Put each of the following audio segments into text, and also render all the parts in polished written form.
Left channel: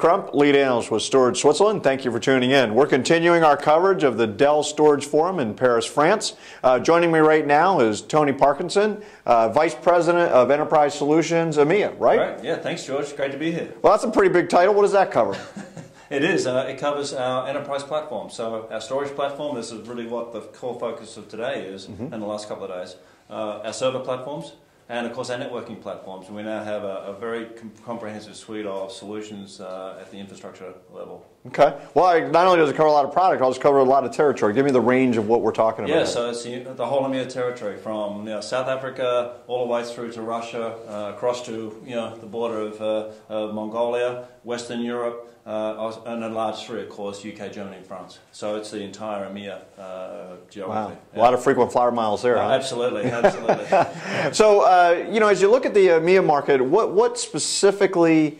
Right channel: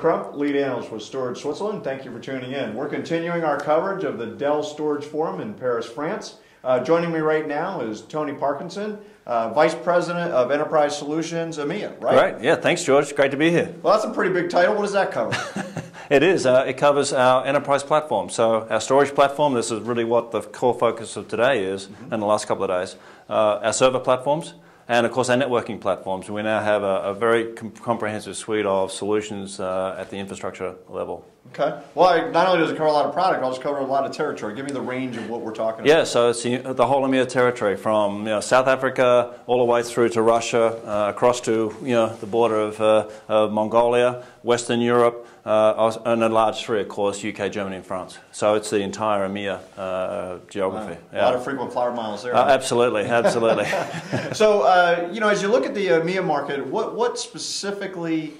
Crump, lead analyst with Storage Switzerland. Thank you for tuning in. We're continuing our coverage of the Dell Storage Forum in Paris, France. Joining me right now is Tony Parkinson, Vice President of Enterprise Solutions, AMIA, right? Right, yeah, thanks George, great to be here. Well, that's a pretty big title. What does that cover? It is, it covers our enterprise platform. So our storage platform, this is really what the core focus of today is, and the last couple of days. Our server platforms, and of course our networking platforms. We now have a very comprehensive suite of solutions at the infrastructure level. Okay. Well, not only does it cover a lot of product, it also covers a lot of territory. Give me the range of what we're talking about. Yeah, so it's the whole AMIA territory, from South Africa all the way through to Russia, across to the border of Mongolia, Western Europe, and a large three, of course, UK, Germany, and France. So it's the entire AMIA geography. Wow. Yeah. A lot of frequent flyer miles there. Huh? Absolutely, absolutely. So, as you look at the AMIA market, what specifically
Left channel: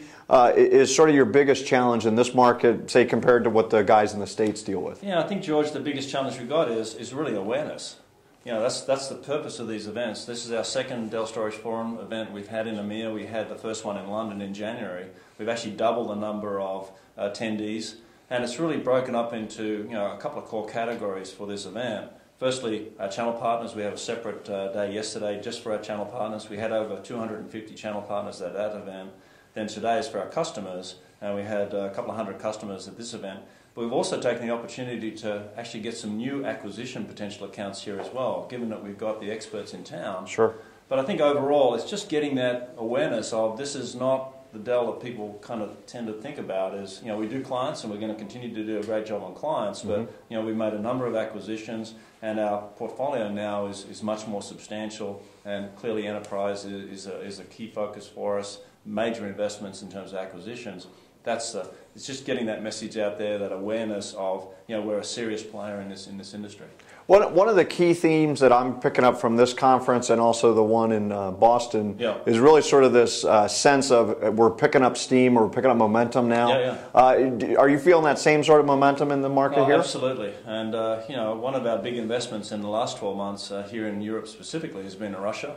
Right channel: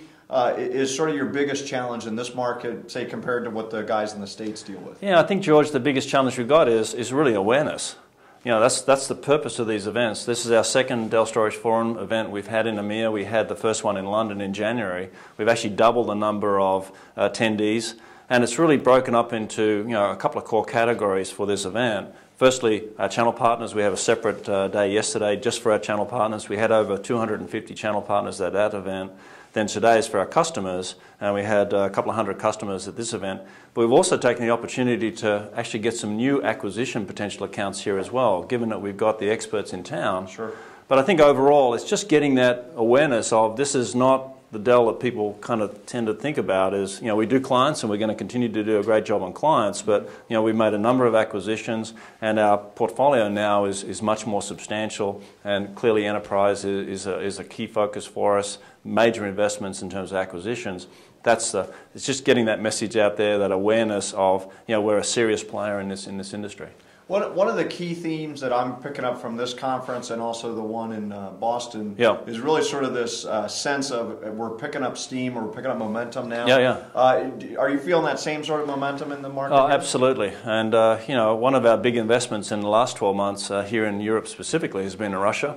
is sort of your biggest challenge in this market, say, compared to what the guys in the States deal with? Yeah, I think, George, the biggest challenge we've got is really awareness. That's the purpose of these events. This is our second Dell Storage Forum event we've had in AMIA. We had the first one in London in January. We've actually doubled the number of attendees, and it's really broken up into a couple of core categories for this event. Firstly, our channel partners. We have a separate day yesterday just for our channel partners. We had over 250 channel partners at that event. Then today is for our customers, and we had a couple of hundred customers at this event. But we've also taken the opportunity to actually get some new acquisition potential accounts here as well, given that we've got the experts in town. Sure. But I think overall, it's just getting that awareness of this is not the Dell that people kind of tend to think about as, we do clients and we're going to continue to do a great job on clients, but we've made a number of acquisitions and our portfolio now is much more substantial, and clearly enterprise is a key focus for us, major investments in terms of acquisitions. It's just getting that message out there, that awareness of, we're a serious player in this industry. One of the key themes that I'm picking up from this conference and also the one in Boston is really sort of this sense of we're picking up steam, or we're picking up momentum now. Are you feeling that same sort of momentum in the market here? Absolutely. And one of our big investments in the last 12 months here in Europe specifically has been in Russia.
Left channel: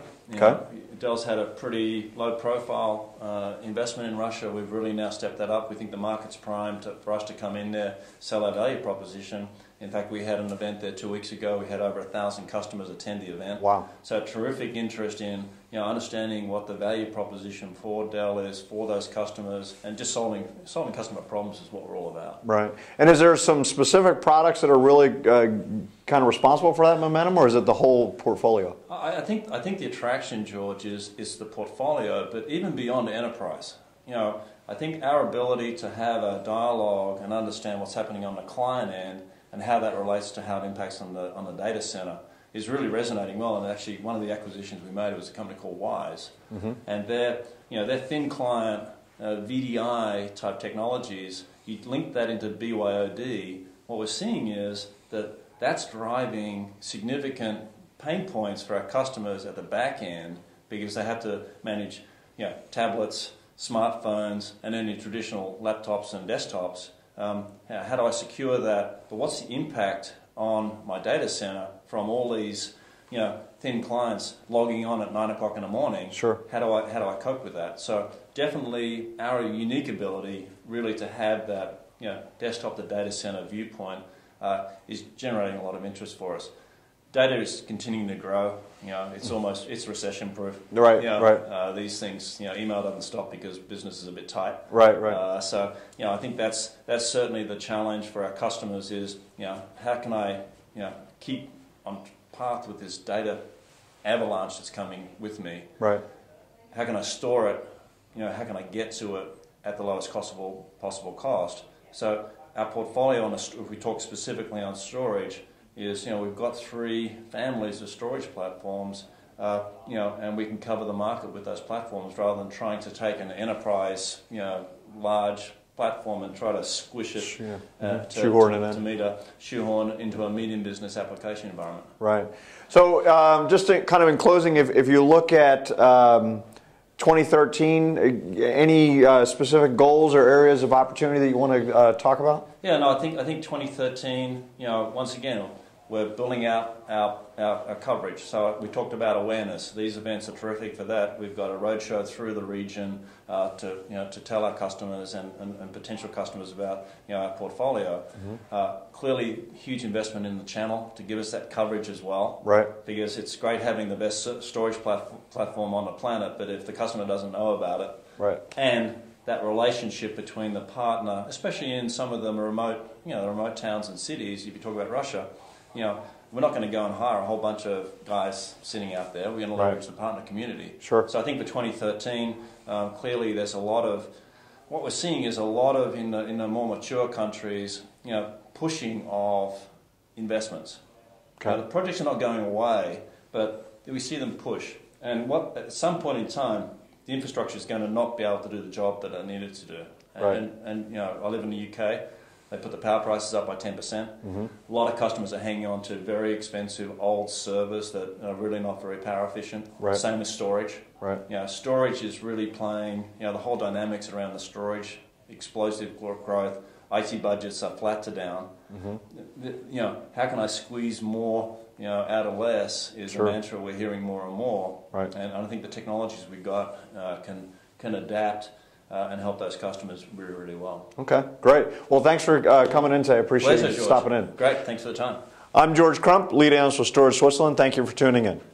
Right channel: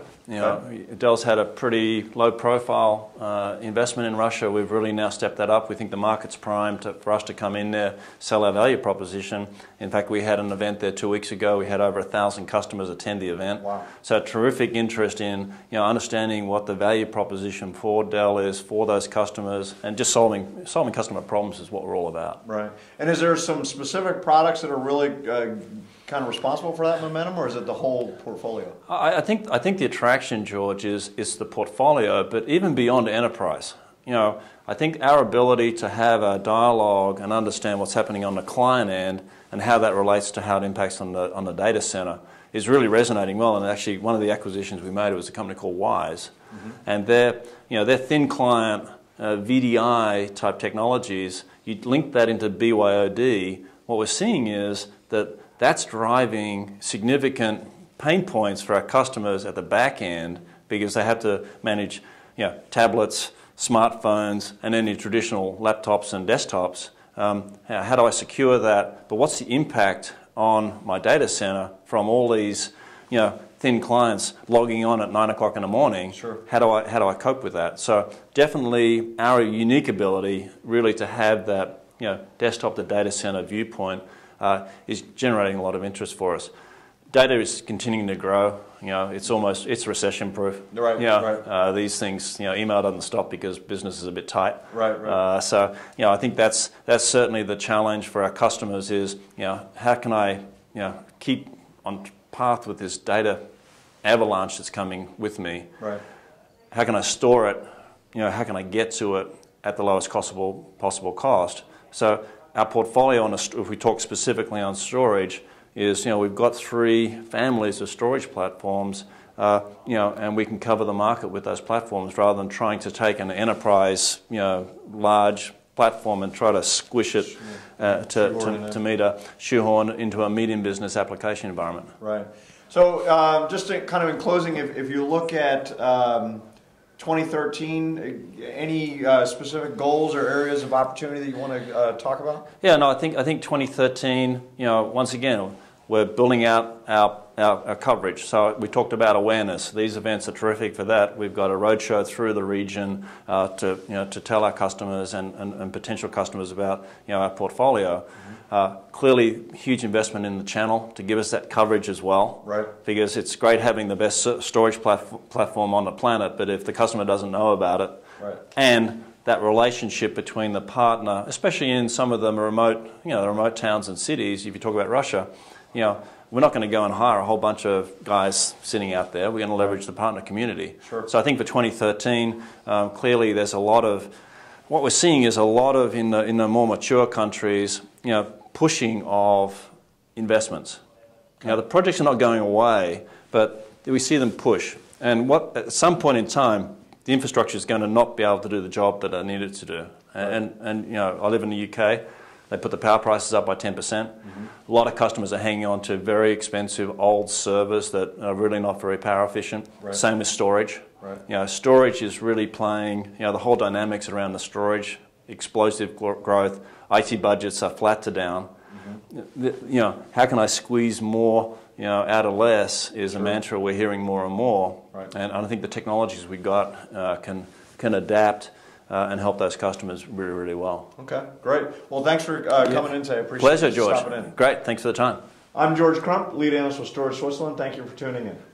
Dell's had a pretty low profile investment in Russia. We've really now stepped that up. We think the market's primed for us to come in there, sell our value proposition. In fact, we had an event there 2 weeks ago. We had over 1,000 customers attend the event. Wow. So terrific interest in understanding what the value proposition for Dell is for those customers, and just solving customer problems is what we're all about. Right. And is there some specific products that are really kind of responsible for that momentum, or is it the whole portfolio? I think the attraction, George, is the portfolio, but even beyond enterprise. I think our ability to have a dialogue and understand what's happening on the client end and how that relates to how it impacts on the data center is really resonating well. And actually, one of the acquisitions we made was a company called Wise, and their thin client VDI type technologies. You link that into BYOD. What we're seeing is that's driving significant pain points for our customers at the back end, because they have to manage tablets, smartphones, and any traditional laptops and desktops. How do I secure that? But what's the impact on my data center from all these thin clients logging on at 9 o'clock in the morning? Sure. How do I cope with that? So definitely our unique ability really to have that desktop to data center viewpoint is generating a lot of interest for us. Data is continuing to grow. It's recession proof. Right. Right. These things, email doesn't stop because business is a bit tight. Right. So I think that's certainly the challenge for our customers is how can I keep on path with this data avalanche that's coming with me. Right. How can I store it? How can I get to it at the lowest possible cost? So our portfolio, if we talk specifically on storage, is we've got 3 families of storage platforms, and we can cover the market with those platforms rather than trying to take an enterprise, large platform and try to squish it to meet a shoehorn into a medium business application environment. Right. So just to kind of in closing, if you look at 2013, any specific goals or areas of opportunity that you want to talk about? Yeah, no, I think 2013, once again, we're building out our coverage. So we talked about awareness. These events are terrific for that. We've got a roadshow through the region to tell our customers and potential customers about our portfolio. Clearly, huge investment in the channel to give us that coverage as well. Right. Because it's great having the best storage platform on the planet, but if the customer doesn't know about it, right. And that relationship between the partner, especially in some of the remote towns and cities, if you talk about Russia, we're not going to go and hire a whole bunch of guys sitting out there. We're going to leverage the partner community. Sure. So I think for 2013, clearly there's a lot of, what we're seeing is a lot of, in the more mature countries, pushing of investments. Okay. Now the projects are not going away, but we see them push. And at some point in time, the infrastructure is going to not be able to do the job that it needed to do. And I live in the UK. They put the power prices up by 10%. A lot of customers are hanging on to very expensive old servers that are really not very power efficient. Right. Same with storage. Right. Storage is really playing, the whole dynamics around the storage, explosive growth, IT budgets are flat to down. How can I squeeze more out of less is a mantra we're hearing more and more. Right. And I think the technologies we got can adapt and help those customers really, really well. Okay, great. Well, thanks for coming in today. I appreciate Pleasure, you George. stopping in. Great, thanks for the time. I'm George Crump, lead analyst with Storage Switzerland. Thank you for tuning in.